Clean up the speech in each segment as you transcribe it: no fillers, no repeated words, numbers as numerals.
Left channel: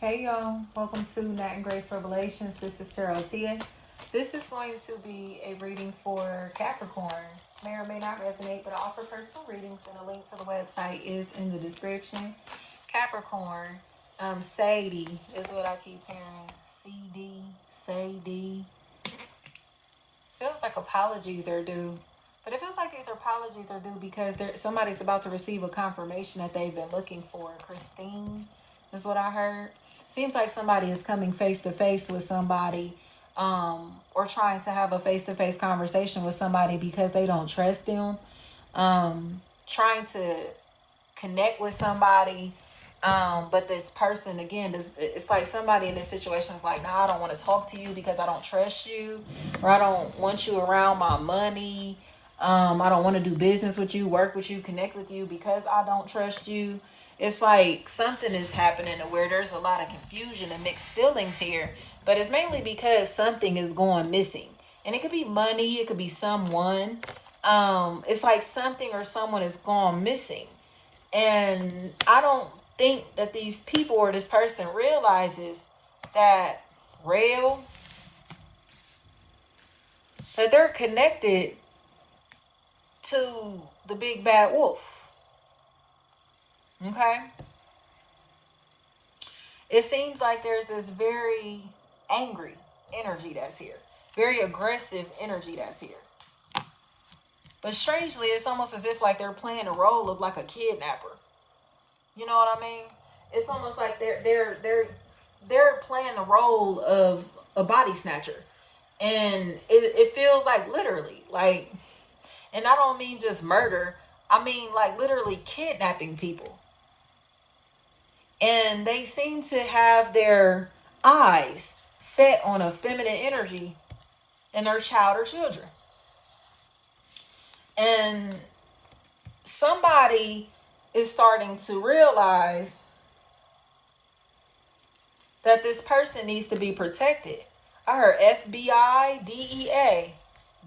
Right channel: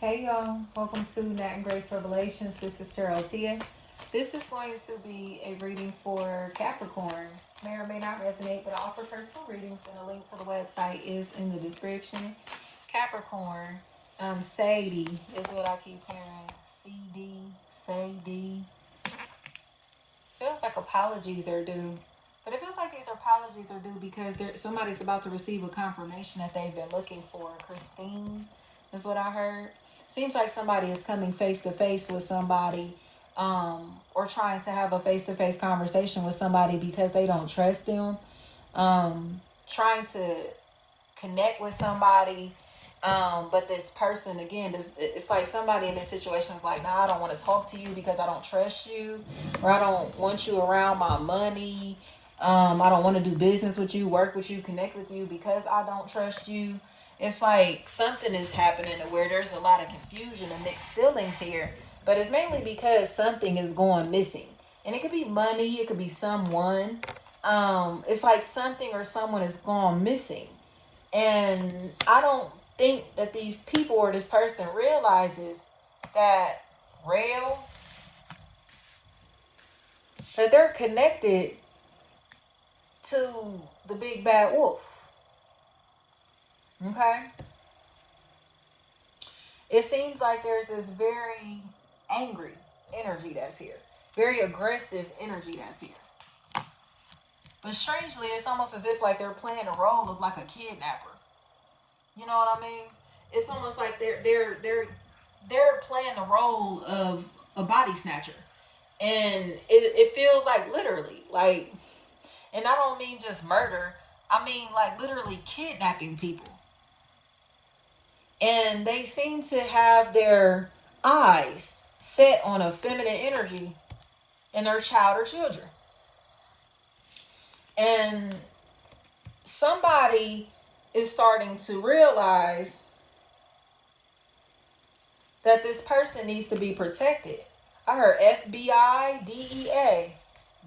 Hey y'all, welcome to Nat and Grace Revelations. This is Cheryl Tia. This is going to be a reading for Capricorn. May or may not resonate, but I offer personal readings, and a link to the website is in the description. Capricorn, Sadie is what I keep hearing. CD, Sadie. Feels like apologies are due. But it feels like these apologies are due because somebody's about to receive a confirmation that they've been looking for. Christine is what I heard. Seems like somebody is coming face to face with somebody, or trying to have a face to face conversation with somebody because they don't trust them. Trying to connect with somebody. But this person, again, it's like somebody in this situation is like, nah, I don't want to talk to you because I don't trust you, or I don't want you around my money. I don't want to do business with you, work with you, connect with you because I don't trust you. It's like something is happening where there's a lot of confusion and mixed feelings here, but it's mainly because something is going missing. And it could be money, it could be someone. It's like something or someone is gone missing. And I don't think that these people or this person realizes that real, that they're connected to the big bad wolf. Okay? It seems like there's this very angry energy that's here, very aggressive energy that's here. But strangely, it's almost as if like they're playing a role of like a kidnapper. You know what I mean? It's almost like they're playing the role of a body snatcher, and it feels like literally like, and I don't mean just murder. I mean like literally kidnapping people. And they seem to have their eyes set on a feminine energy in their child or children. And somebody is starting to realize that this person needs to be protected. I heard FBI, DEA,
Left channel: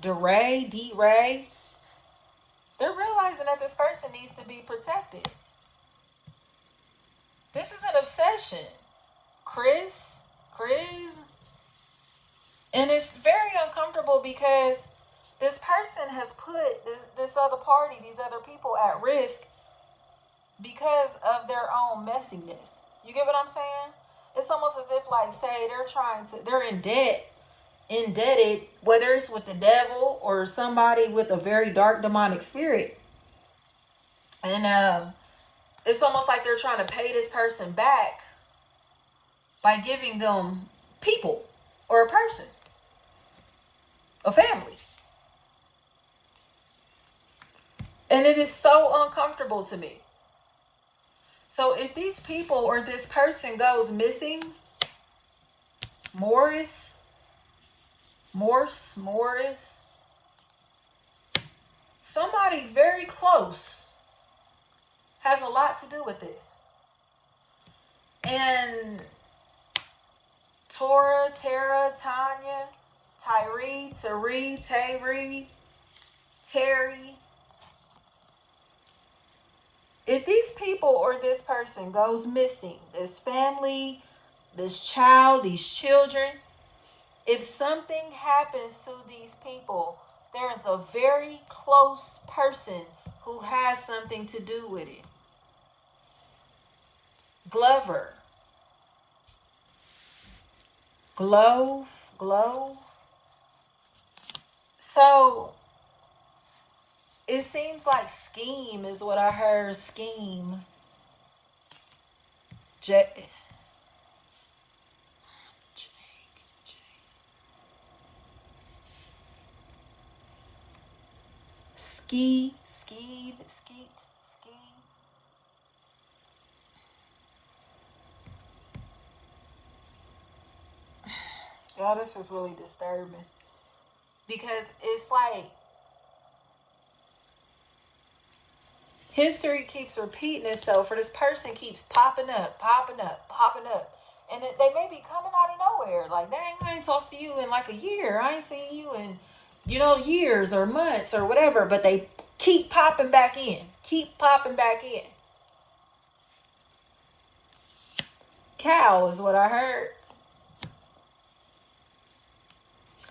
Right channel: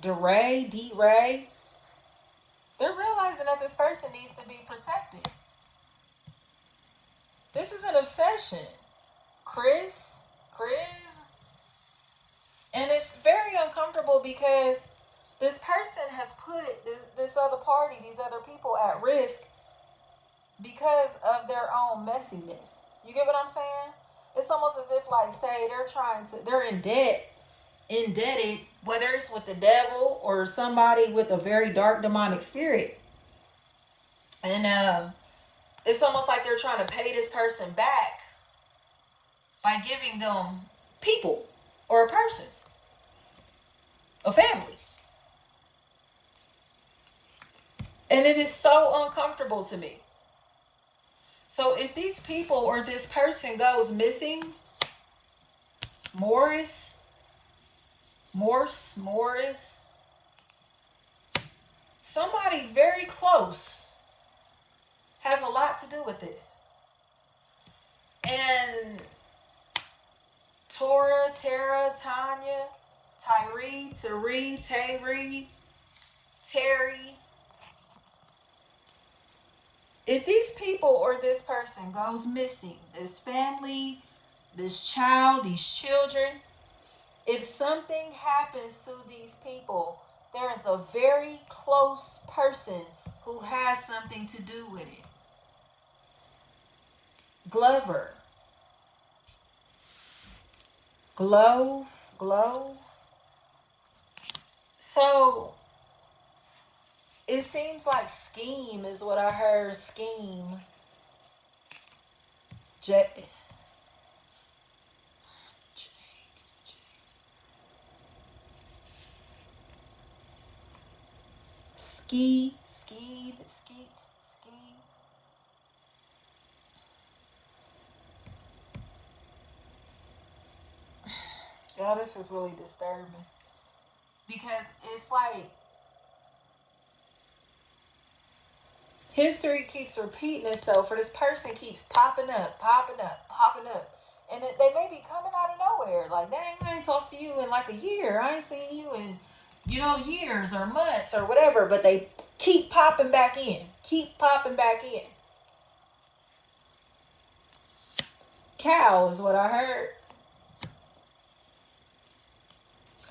DeRay, D-Ray. They're realizing that this person needs to be protected. This is an obsession. Chris. And it's very uncomfortable because this person has put this other party, these other people at risk because of their own messiness. You get what I'm saying? It's almost as if like, say they're indebted, whether it's with the devil or somebody with a very dark demonic spirit. And it's almost like they're trying to pay this person back by giving them people or a person, a family. And it is so uncomfortable to me. So if these people or this person goes missing, Morris, somebody very close has a lot to do with this. And Tora, Tara, Tanya, Tyree, Terry. If these people or this person goes missing, this family, this child, these children, if something happens to these people, there is a very close person who has something to do with it. Glover. Glove. So it seems like scheme is what I heard. Scheme. Skeet. Y'all, this is really disturbing. Because it's like history keeps repeating itself, for this person keeps popping up. And they may be coming out of nowhere. Like, dang, I ain't talked to you in like a year. I ain't seen you in, years or months or whatever. But they keep popping back in. cows, what I heard.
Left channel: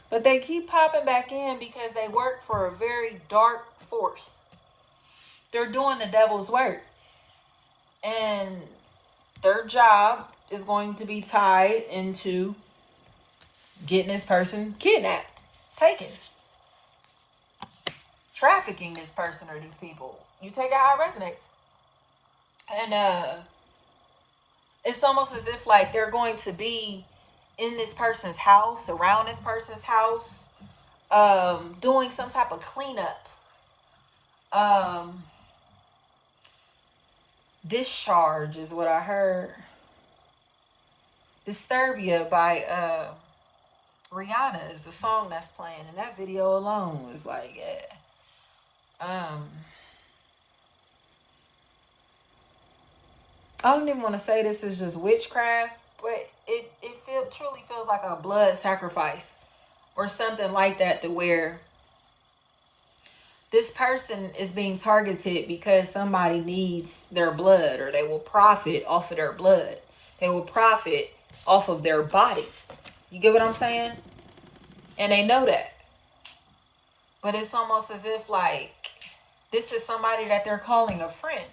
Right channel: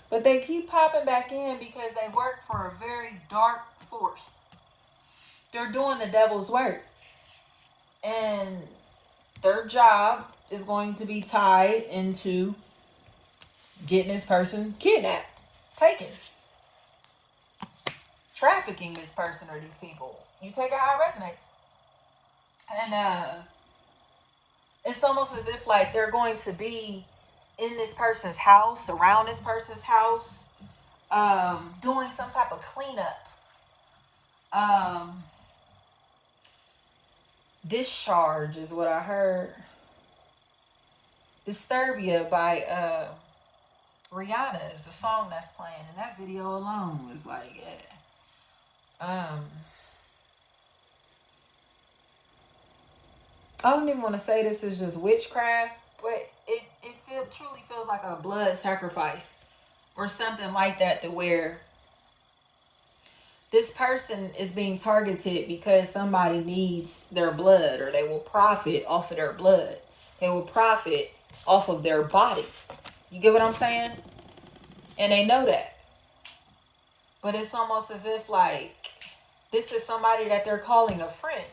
But they keep popping back in because they work for a very dark force. They're doing the devil's work. And their job is going to be tied into getting this person kidnapped, taken, trafficking this person or these people. You take it how it resonates. And it's almost as if like they're going to be in this person's house, around this person's house, doing some type of cleanup, discharge is what I heard. Disturbia by Rihanna is the song that's playing, and that video alone was like, yeah. I don't even want to say this is just witchcraft, but it truly feels like a blood sacrifice or something like that, to where this person is being targeted because somebody needs their blood, or they will profit off of their blood. They will profit off of their body. You get what I'm saying? And they know that. But it's almost as if like this is somebody that they're calling a friend.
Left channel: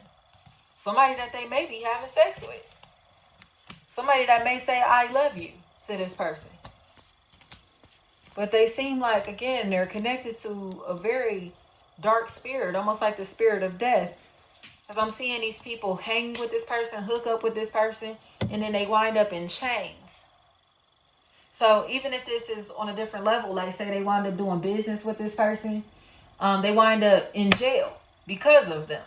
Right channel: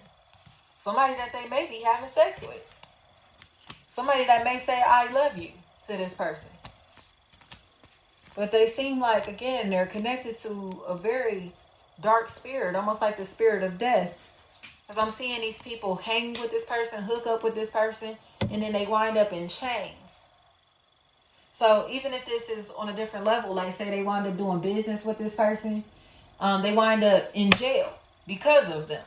Somebody that they may be having sex with. Somebody that may say, I love you to this person. But they seem like, again, they're connected to a very dark spirit, almost like the spirit of death. Because I'm seeing these people hang with this person, hook up with this person, and then they wind up in chains. So even if this is on a different level, like say they wind up doing business with this person, they wind up in jail because of them.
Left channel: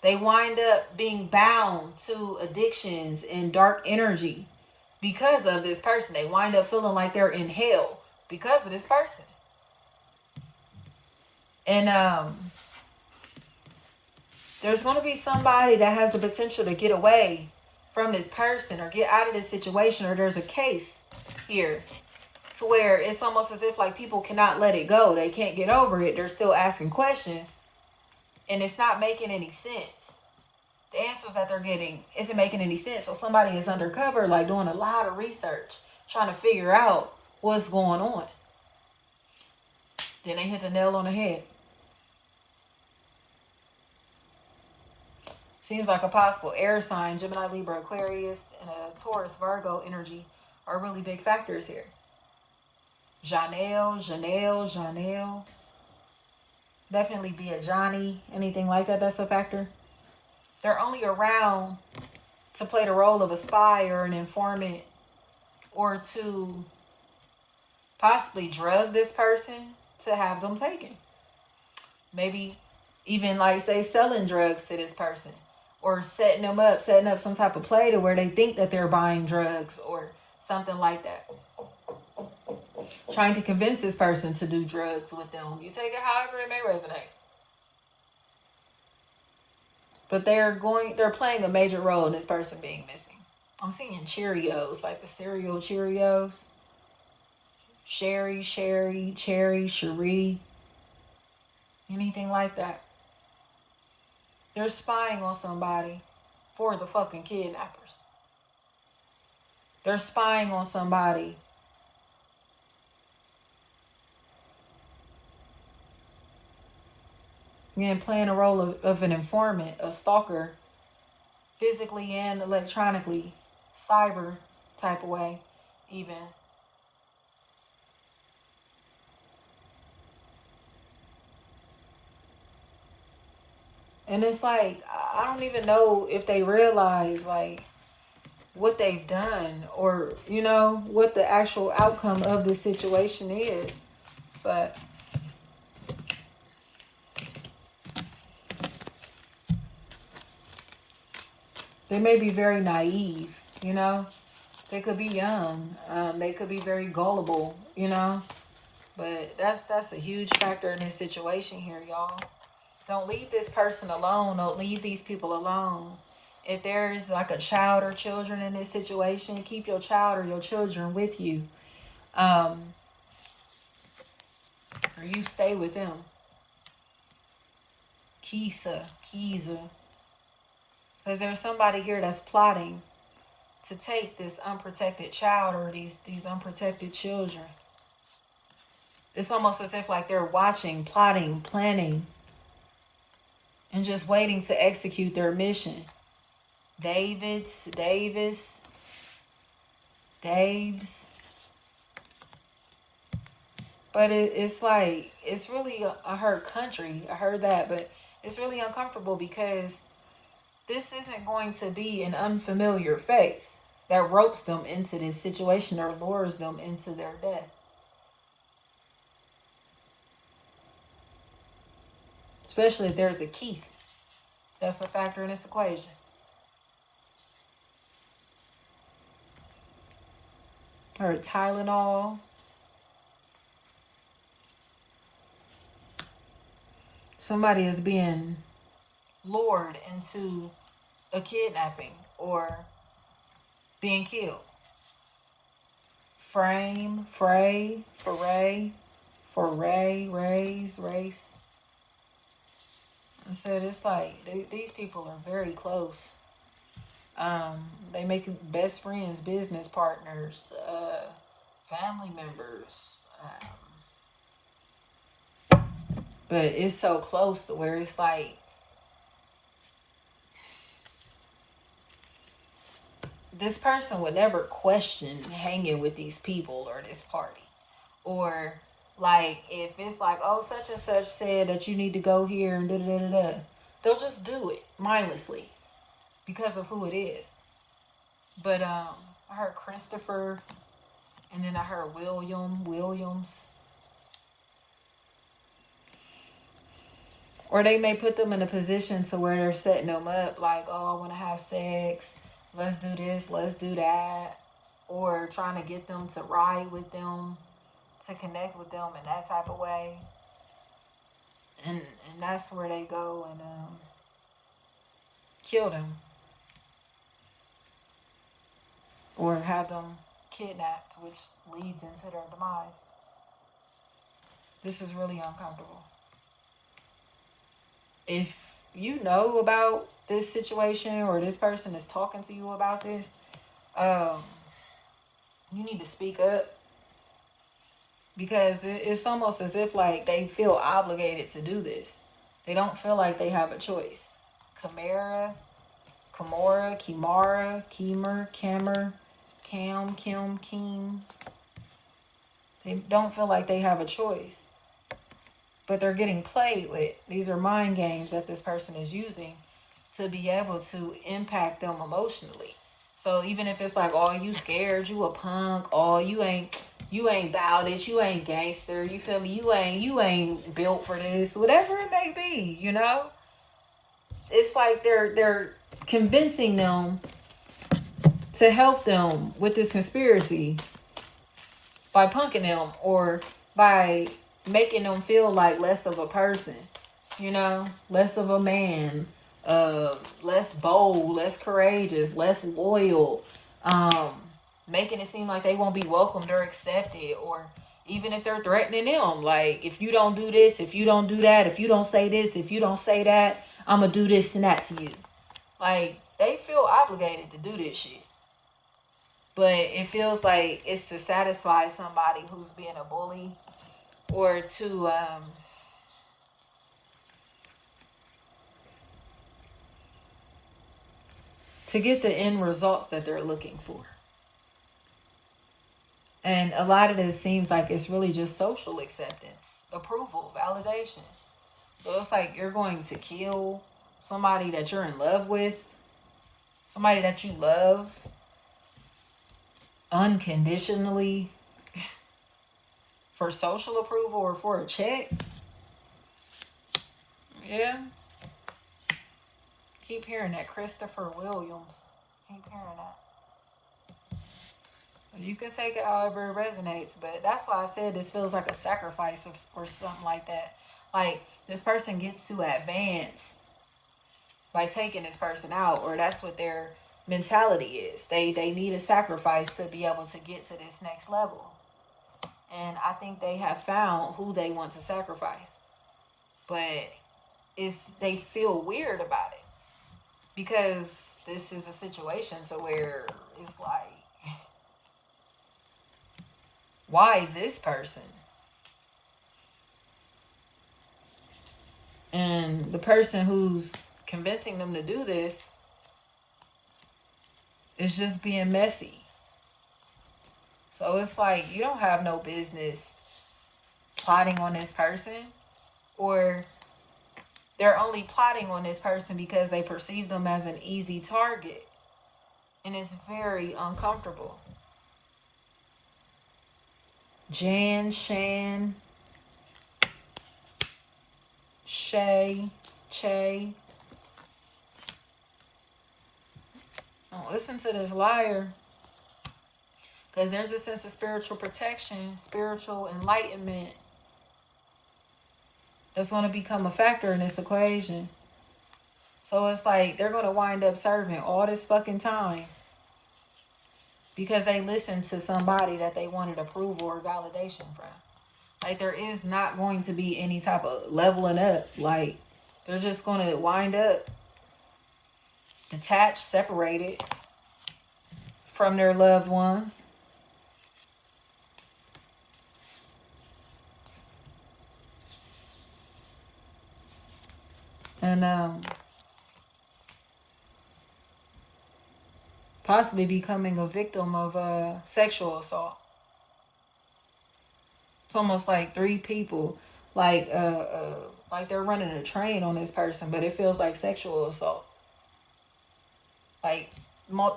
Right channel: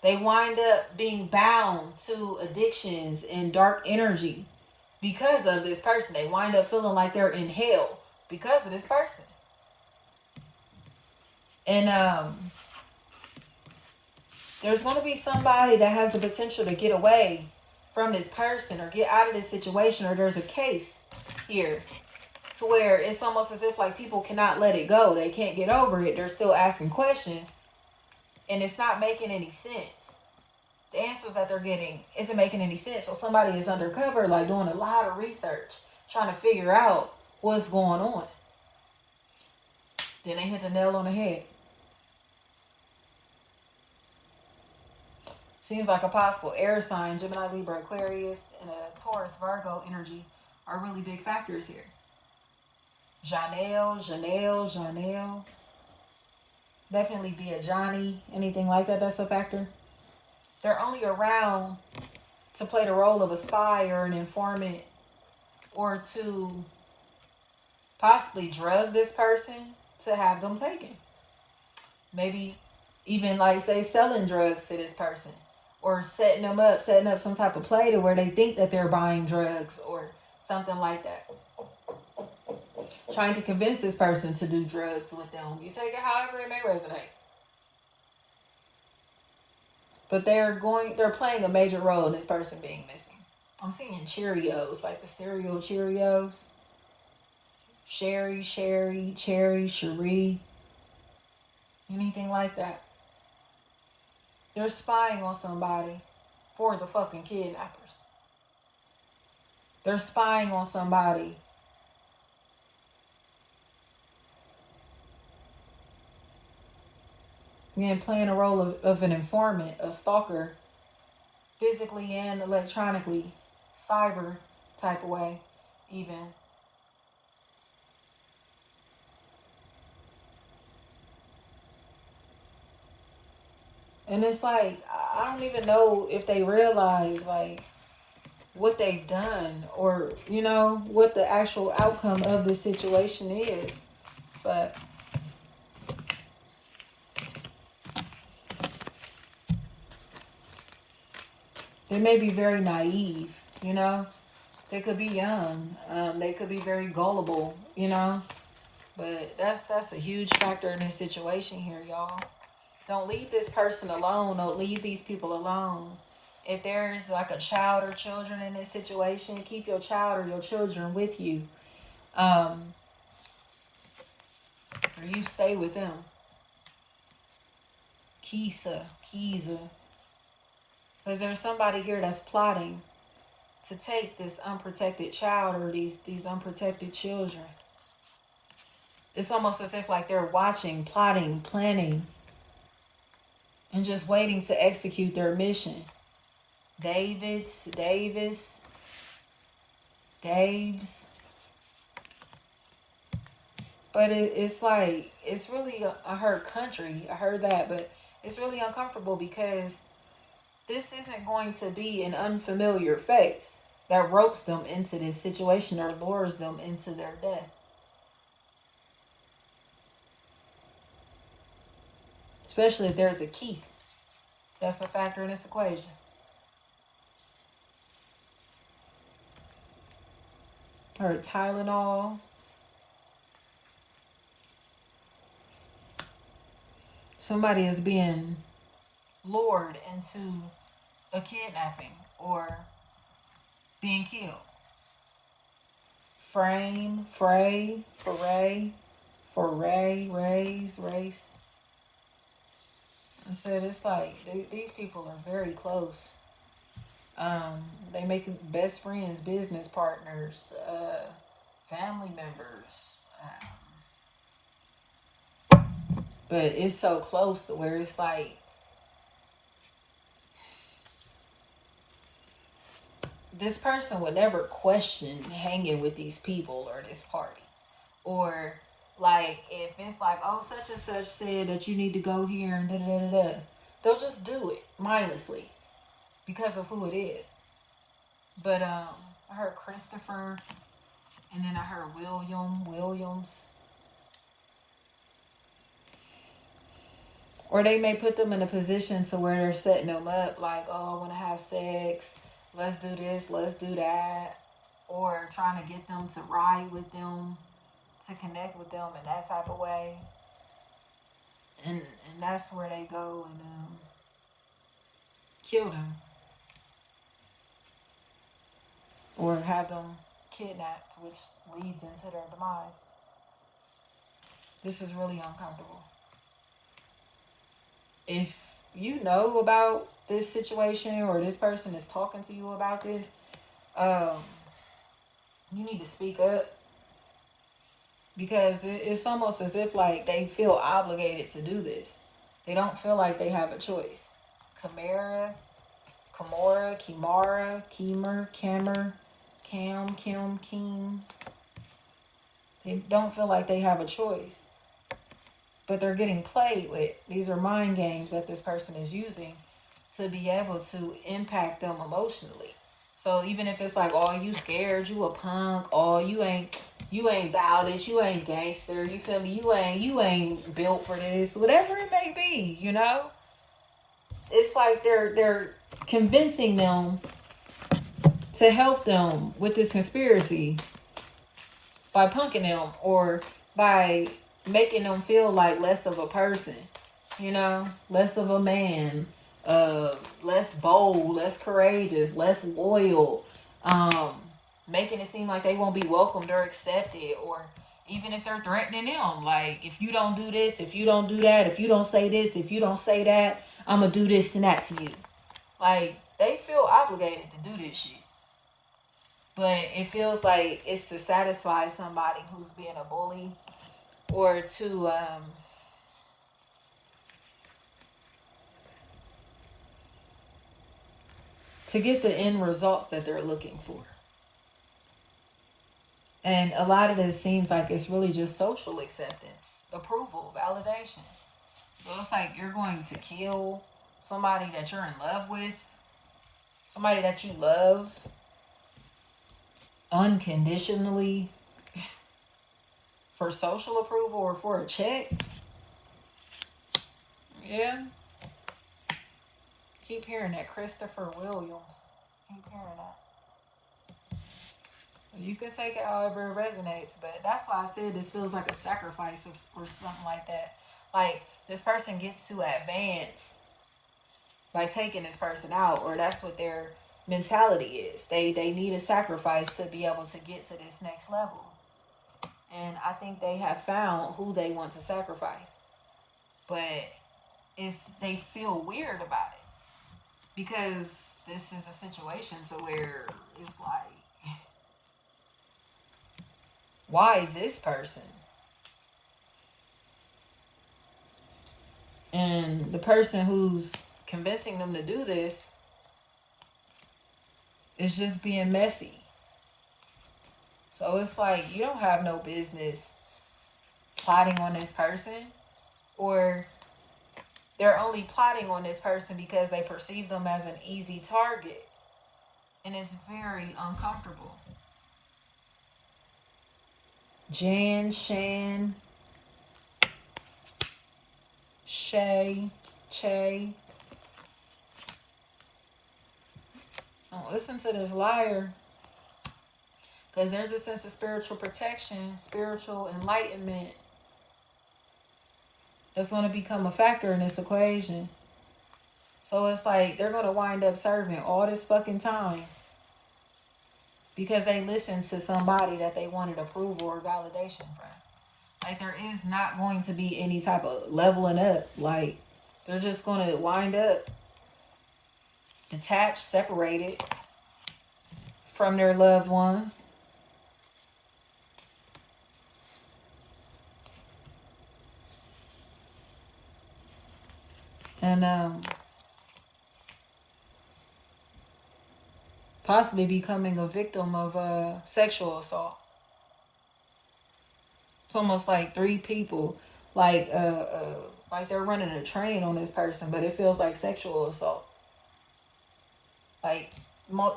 They wind up being bound to addictions and dark energy because of this person. They wind up feeling like they're in hell because of this person. And there's going to be somebody that has the potential to get away from this person or get out of this situation, or there's a case here to where it's almost as if like people cannot let it go. They can't get over it. They're still asking questions, and it's not making any sense. The answers that they're getting isn't making any sense. So somebody is undercover, like doing a lot of research, trying to figure out what's going on. Then they hit the nail on the head. Seems like a possible air sign, Gemini, Libra, Aquarius, and a Taurus, Virgo energy are really big factors here. Janelle. Definitely be a Johnny, anything like that, that's a factor. They're only around to play the role of a spy or an informant, or to possibly drug this person to have them taken. Maybe even like say selling drugs to this person, or setting up some type of play to where they think that they're buying drugs or something like that. Trying to convince this person to do drugs with them. You take it however it may resonate. But they're playing a major role in this person being missing. I'm seeing Cheerios, like the cereal Cheerios. Sherry, Cherry, Cherie. Anything like that. They're spying on somebody for the fucking kidnappers. They're spying on somebody. Again, playing a role of an informant, a stalker, physically and electronically, cyber type of way, even. And it's like, I don't even know if they realize, like, what they've done or, you know, what the actual outcome of this situation is. But they may be very naive, you know. They could be young. They could be very gullible, you know. But that's a huge factor in this situation here, y'all. Don't leave this person alone. Don't leave these people alone. If there's like a child or children in this situation, keep your child or your children with you. Or you stay with them. Kisa. Because there's somebody here that's plotting to take this unprotected child or these unprotected children. It's almost as if like they're watching, plotting, planning, and just waiting to execute their mission. Daves. But it's like, it's really a hurt country. I heard that, but it's really uncomfortable because this isn't going to be an unfamiliar face that ropes them into this situation or lures them into their death. Especially if there's a Keith. That's a factor in this equation. Or Tylenol. Somebody is being lured into a kidnapping or being killed. Foray, race. I said it's like these people are very close. They make best friends, business partners, family members. But it's so close to where it's like this person would never question hanging with these people or this party. Or like if it's like, oh, such and such said that you need to go here and da-da-da-da-da, they'll just do it mindlessly because of who it is. But I heard Christopher, and then I heard Williams. Or they may put them in a position to where they're setting them up like, oh, I want to have sex. Let's do this. Let's do that. Or trying to get them to ride with them, to connect with them in that type of way. And that's where they go and kill them. Or have them kidnapped, which leads into their demise. This is really uncomfortable. If you know about this situation or this person is talking to you about this, you need to speak up. Because it's almost as if like they feel obligated to do this. They don't feel like they have a choice. Kimara, Kim. They don't feel like they have a choice. But they're getting played with. These are mind games that this person is using to be able to impact them emotionally. So even if it's like, oh, you scared, you a punk, oh, you ain't bowdish, you ain't gangster, you feel me? You ain't built for this, whatever it may be, you know? It's like they're convincing them to help them with this conspiracy by punking them or by making them feel like less of a person, you know, less of a man, less bold, less courageous, less loyal, making it seem like they won't be welcomed or accepted, or even if they're threatening them, like, if you don't do this, if you don't do that, if you don't say this, if you don't say that, I'm gonna do this and that to you. Like, they feel obligated to do this shit. But it feels like it's to satisfy somebody who's being a bully, or to get the end results that they're looking for. And a lot of this seems like it's really just social acceptance, approval, validation. So it's like you're going to kill somebody that you're in love with, somebody that you love unconditionally for social approval or for a check. Yeah. Keep hearing that. Christopher Williams. Keep hearing that. You can take it however it resonates, but that's why I said this feels like a sacrifice or something like that. Like, this person gets to advance by taking this person out, or that's what their mentality is. They need a sacrifice to be able to get to this next level. And I think they have found who they want to sacrifice. But they feel weird about it. Because this is a situation to where it's like, why this person? And the person who's convincing them to do this is just being messy. So it's like, you don't have no business plotting on this person, or they're only plotting on this person because they perceive them as an easy target. And it's very uncomfortable. Jan, Shan, Shay, Che. Don't listen to this liar. Because there's a sense of spiritual protection, spiritual enlightenment that's going to become a factor in this equation. So it's like they're going to wind up serving all this fucking time because they listened to somebody that they wanted approval or validation from. Like, there is not going to be any type of leveling up. Like, they're just going to wind up detached, separated from their loved ones. And possibly becoming a victim of sexual assault. It's almost like three people, like they're running a train on this person, but it feels like sexual assault. Like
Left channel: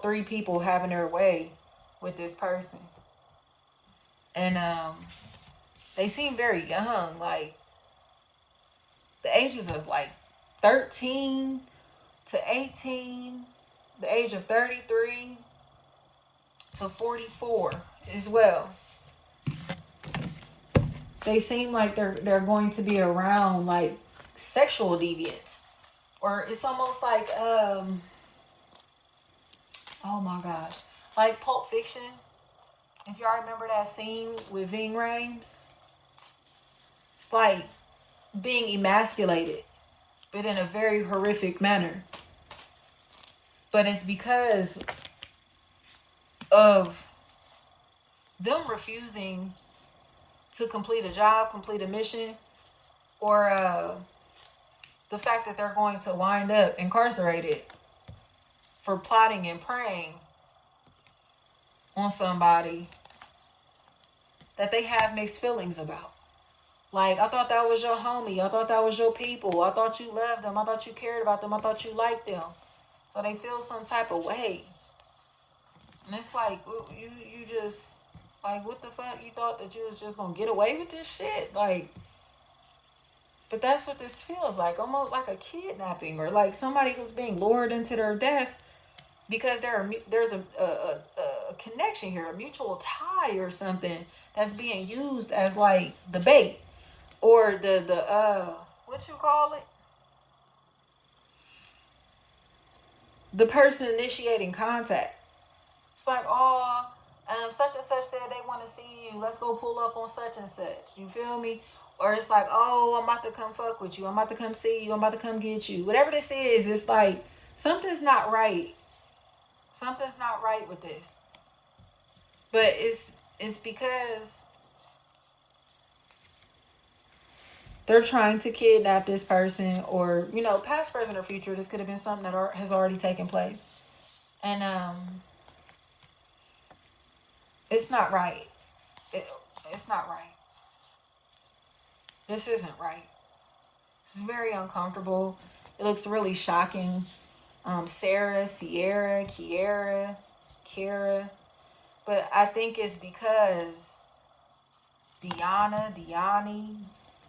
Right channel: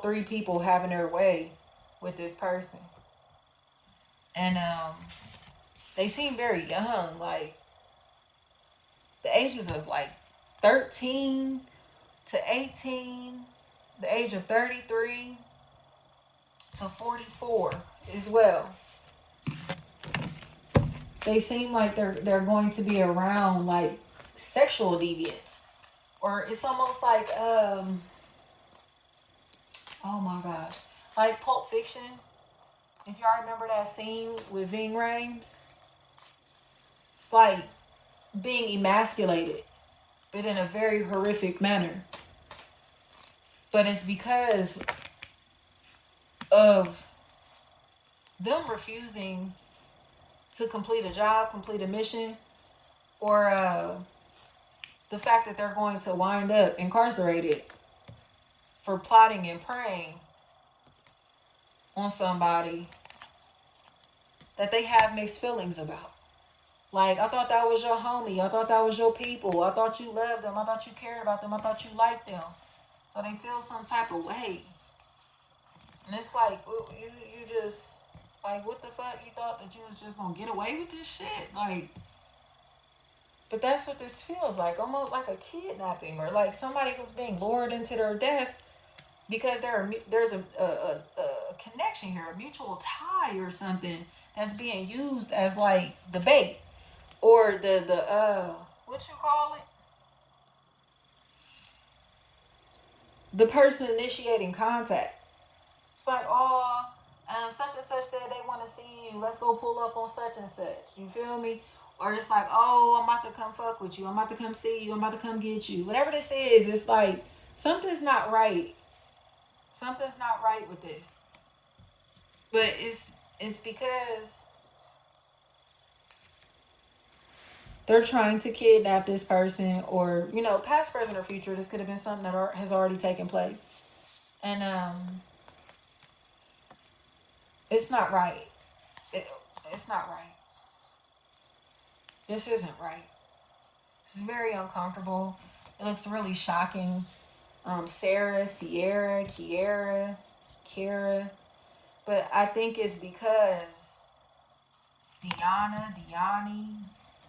three people having their way with this person, and they seem very young, like the ages of like 13 to 18, the age of 33 to 44 as well. They seem like they're going to be around like sexual deviants, or it's almost like oh my gosh, like Pulp Fiction. If y'all remember that scene with Ving Rhames, it's like being emasculated, but in a very horrific manner. But it's because of them refusing to complete a job, complete a mission, or the fact that they're going to wind up incarcerated for plotting and preying on somebody that they have mixed feelings about. Like, I thought that was your homie. I thought that was your people. I thought you loved them. I thought you cared about them. I thought you liked them. So they feel some type of way. And it's like, you just, like, what the fuck? You thought that you was just going to get away with this shit? Like, but that's what this feels like. Almost like a kidnapping, or like somebody who's being lured into their death because there's a connection here, a mutual tie or something that's being used as like the bait, or the what you call it? The person initiating contact. It's like, oh, such and such said they want to see you. Let's go pull up on such and such. You feel me? Or it's like, oh, I'm about to come fuck with you. I'm about to come see you. I'm about to come get you. Whatever this is, it's like something's not right. Something's not right with this. But it's because they're trying to kidnap this person, or, you know, past, present, or future. This could have been something that has already taken place. And it's not right. It's not right. This isn't right. It's very uncomfortable. It looks really shocking. Sarah, Sierra, Kiera, Kara. But I think it's because Deanna, Deani,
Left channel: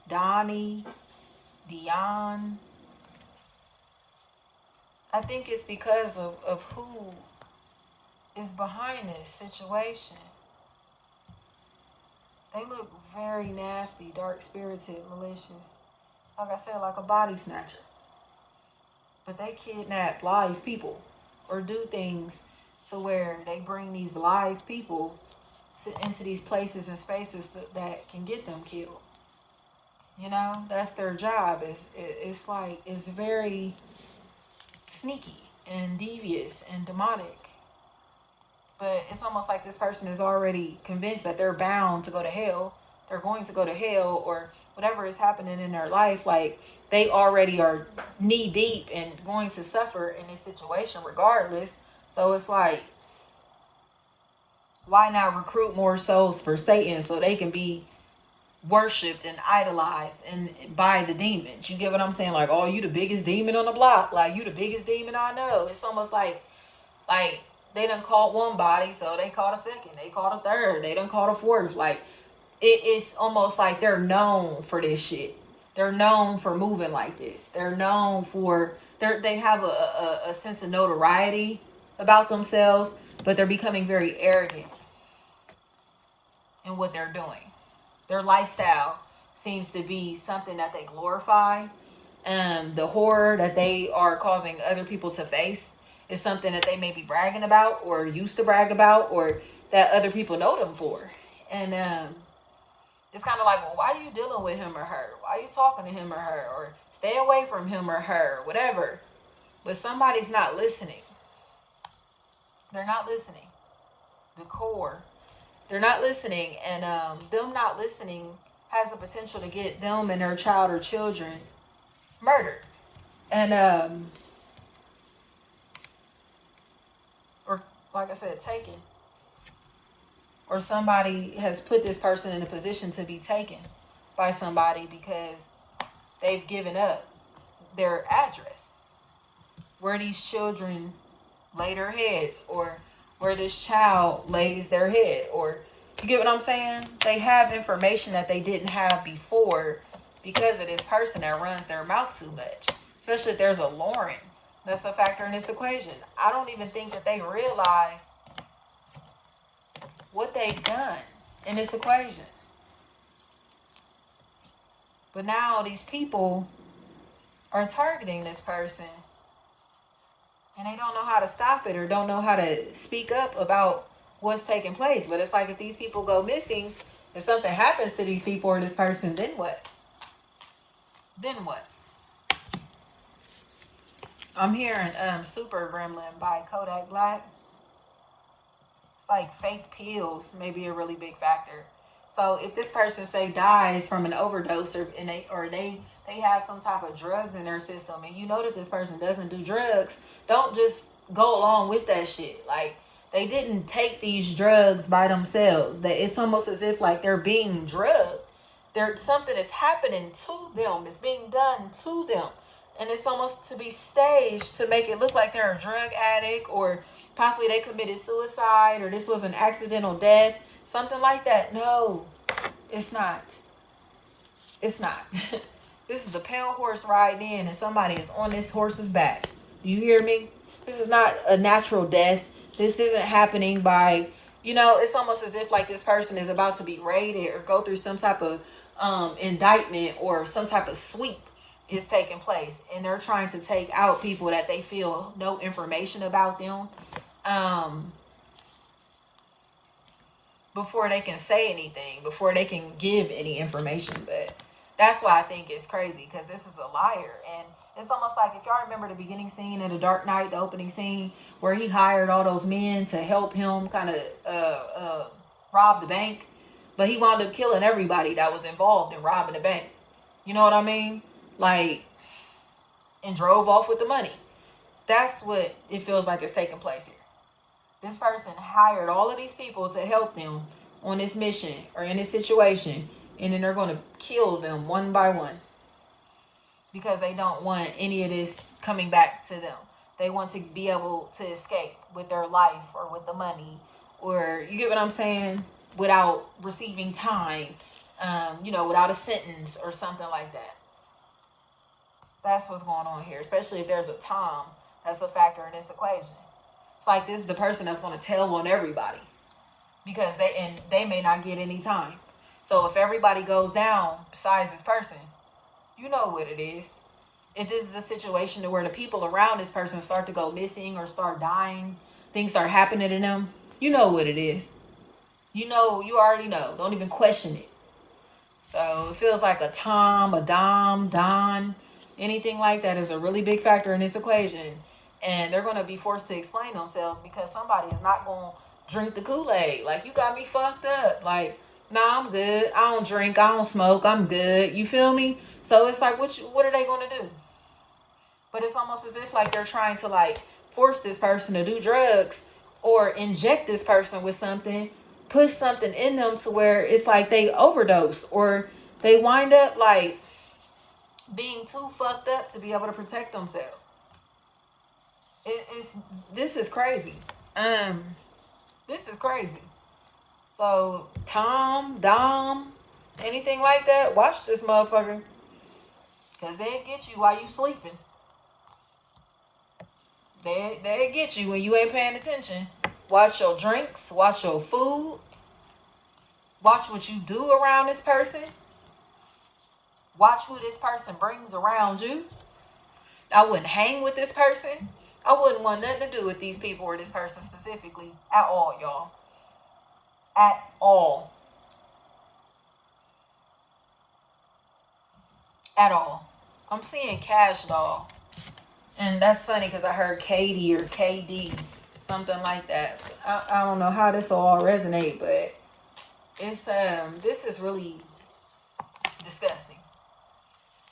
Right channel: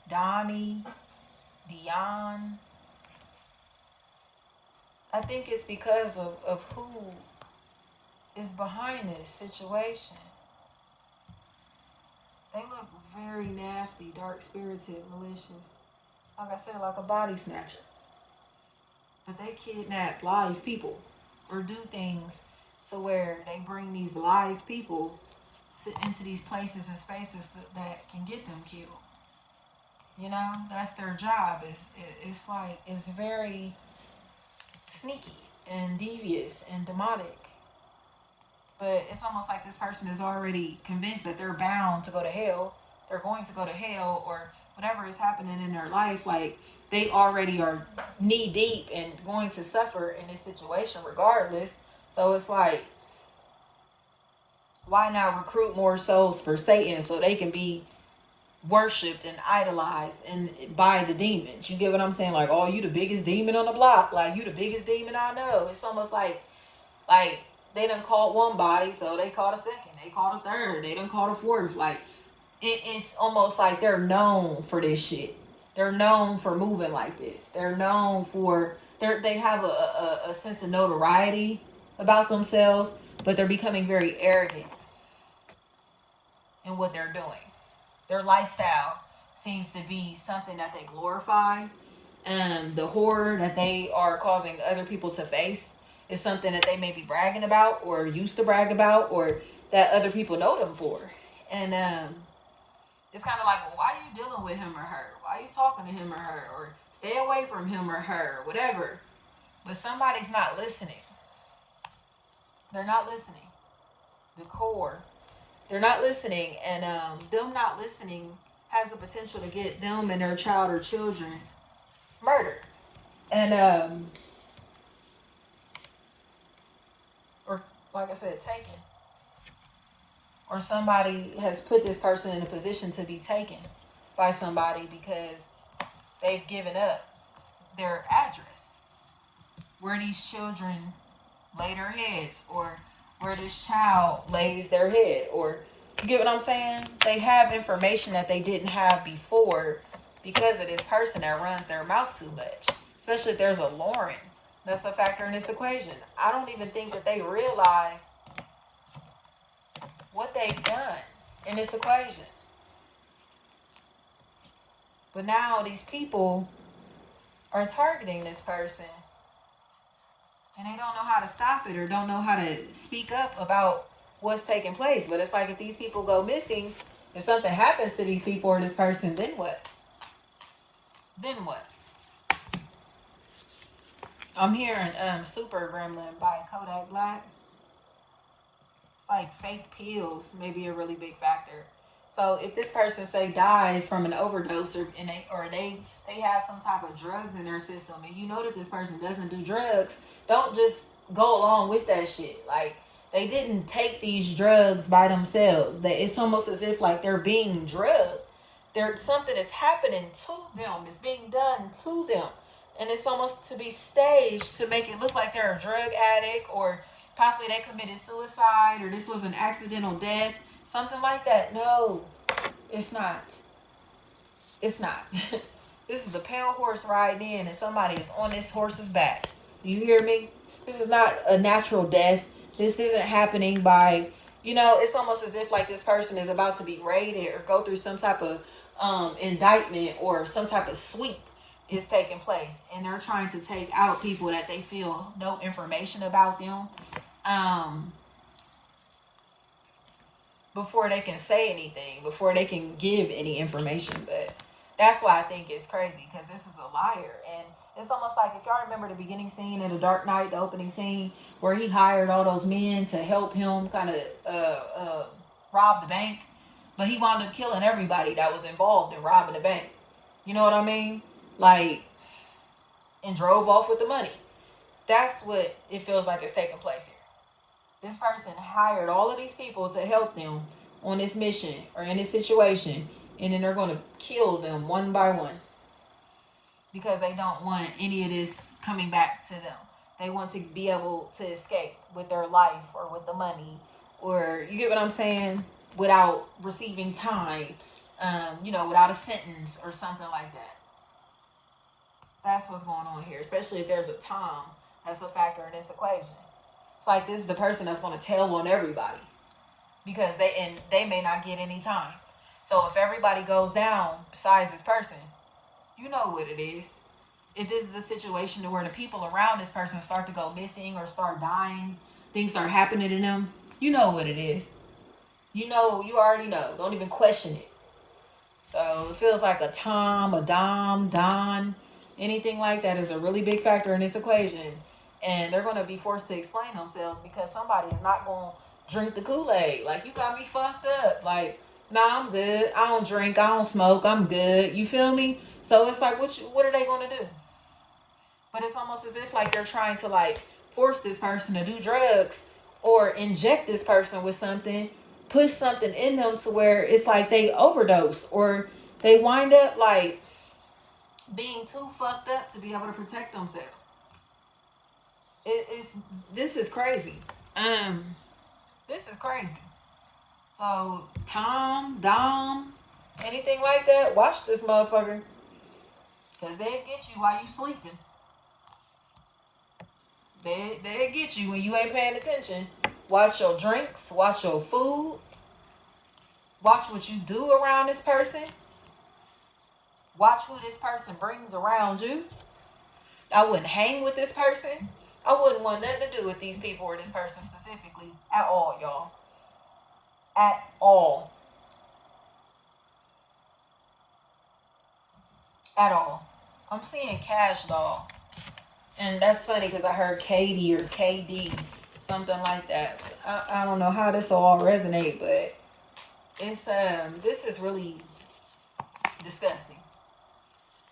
Donnie, Dion. I think it's because of who is behind this situation. They look very nasty, dark-spirited, malicious. Like I said, like a body snatcher. But they kidnap live people, or do things to where they bring these live people into these places and spaces that can get them killed. You know, that's their job. It's like, it's very sneaky and devious and demonic. But it's almost like this person is already convinced that they're bound to go to hell. They're going to go to hell, or whatever is happening in their life. Like, they already are knee deep and going to suffer in this situation regardless. So it's like, why not recruit more souls for Satan so they can be worshipped and idolized and by the demons? You get what I'm saying? Like, oh, you the biggest demon on the block. Like, you the biggest demon I know. It's almost like they done caught one body, so they caught a second. They caught a third. They done caught a fourth. Like, it is almost like they're known for this shit. They're known for moving like this. They're known for, they have a sense of notoriety about themselves, but they're becoming very arrogant in what they're doing. Their lifestyle seems to be something that they glorify. The horror that they are causing other people to face is something that they may be bragging about, or used to brag about, or that other people know them for. And it's kind of like, well, why are you dealing with him or her? Why are you talking to him or her? Or stay away from him or her, whatever. But somebody's not listening. They're not listening. The core. They're not listening. And them not listening has the potential to get them and their child or children murdered. And, or like I said, taken. Or somebody has put this person in a position to be taken by somebody because they've given up their address, where these children lay their heads, or where this child lays their head, or, you get what I'm saying? They have information that they didn't have before because of this person that runs their mouth too much. Especially if there's a Lauren. That's a factor in this equation. I don't even think that they realize what they've done in this equation. But now these people are targeting this person, and they don't know how to stop it, or don't know how to speak up about what's taking place. But it's like, if these people go missing, if something happens to these people or this person, then what? Then what? I'm hearing Super Gremlin by Kodak Black. It's like fake pills may be a really big factor. So if this person, say, dies from an overdose, or they have some type of drugs in their system, and you know that this person doesn't do drugs, don't just go along with that shit. Like, they didn't take these drugs by themselves. That it's almost as if like they're being drugged. Something is happening to them. It's being done to them. And it's almost to be staged to make it look like they're a drug addict, or possibly they committed suicide, or this was an accidental death, something like that. No, it's not. It's not. This is the pale horse riding in, and somebody is on this horse's back. You hear me? This is not a natural death. This isn't happening by, it's almost as if like this person is about to be raided or go through some type of indictment, or some type of sweep is taking place, and they're trying to take out people that they feel no information about them before they can say anything, before they can give any information. But that's why I think it's crazy, because this is a liar. And it's almost like, if y'all remember the beginning scene of The Dark Knight, the opening scene, where he hired all those men to help him kind of rob the bank, but he wound up killing everybody that was involved in robbing the bank. You know what I mean? Like, and drove off with the money. That's what it feels like is taking place here. This person hired all of these people to help them on this mission or in this situation, and then they're going to kill them one by one because they don't want any of this coming back to them. They want to be able to escape with their life, or with the money, or, you get what I'm saying, without receiving time, without a sentence or something like that. That's what's going on here, especially if there's a time that's a factor in this equation. It's like, this is the person that's going to tell on everybody, because they may not get any time. So if everybody goes down besides this person, you know what it is. If this is a situation where the people around this person start to go missing or start dying, things start happening to them, you know what it is. You already know. Don't even question it. So it feels like a Tom, a Dom, Don, anything like that is a really big factor in this equation. And they're going to be forced to explain themselves because somebody is not going to drink the Kool-Aid. Like, you got me fucked up. Like, nah, I'm good. I don't drink. I don't smoke. I'm good. You feel me? So it's like, what are they going to do? But it's almost as if like they're trying to like force this person to do drugs or inject this person with something, push something in them to where it's like they overdose or they wind up like being too fucked up to be able to protect themselves. This is crazy. This is crazy. So Tom, Dom, anything like that, watch this motherfucker. Cause they'll get you while you sleeping. They'll get you when you ain't paying attention. Watch your drinks, watch your food, watch what you do around this person. Watch who this person brings around you. I wouldn't hang with this person. I wouldn't want nothing to do with these people or this person specifically at all, y'all. At all. At all. I'm seeing cash doll. And that's funny because I heard Katie or KD, something like that. I don't know how this will all resonate, but it's this is really disgusting.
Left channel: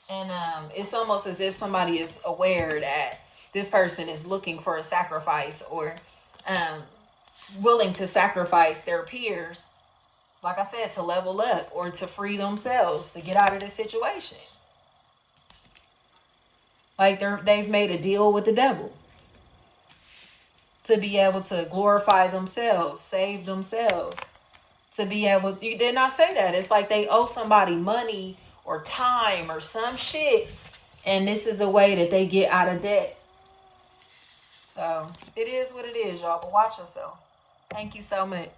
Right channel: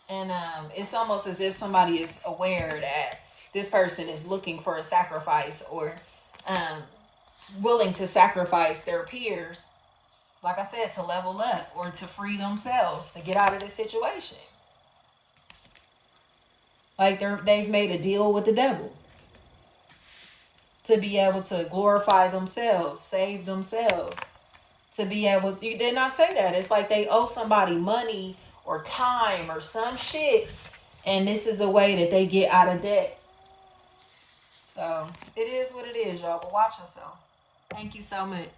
And it's almost as if somebody is aware that this person is looking for a sacrifice or willing to sacrifice their peers, like I said, to level up or to free themselves, to get out of this situation. Like they've made a deal with the devil to be able to glorify themselves, save themselves, to be able to, you did not say that. It's like they owe somebody money or time or some shit, and this is the way that they get out of debt. So it is what it is, y'all, but watch yourself. Thank you so much.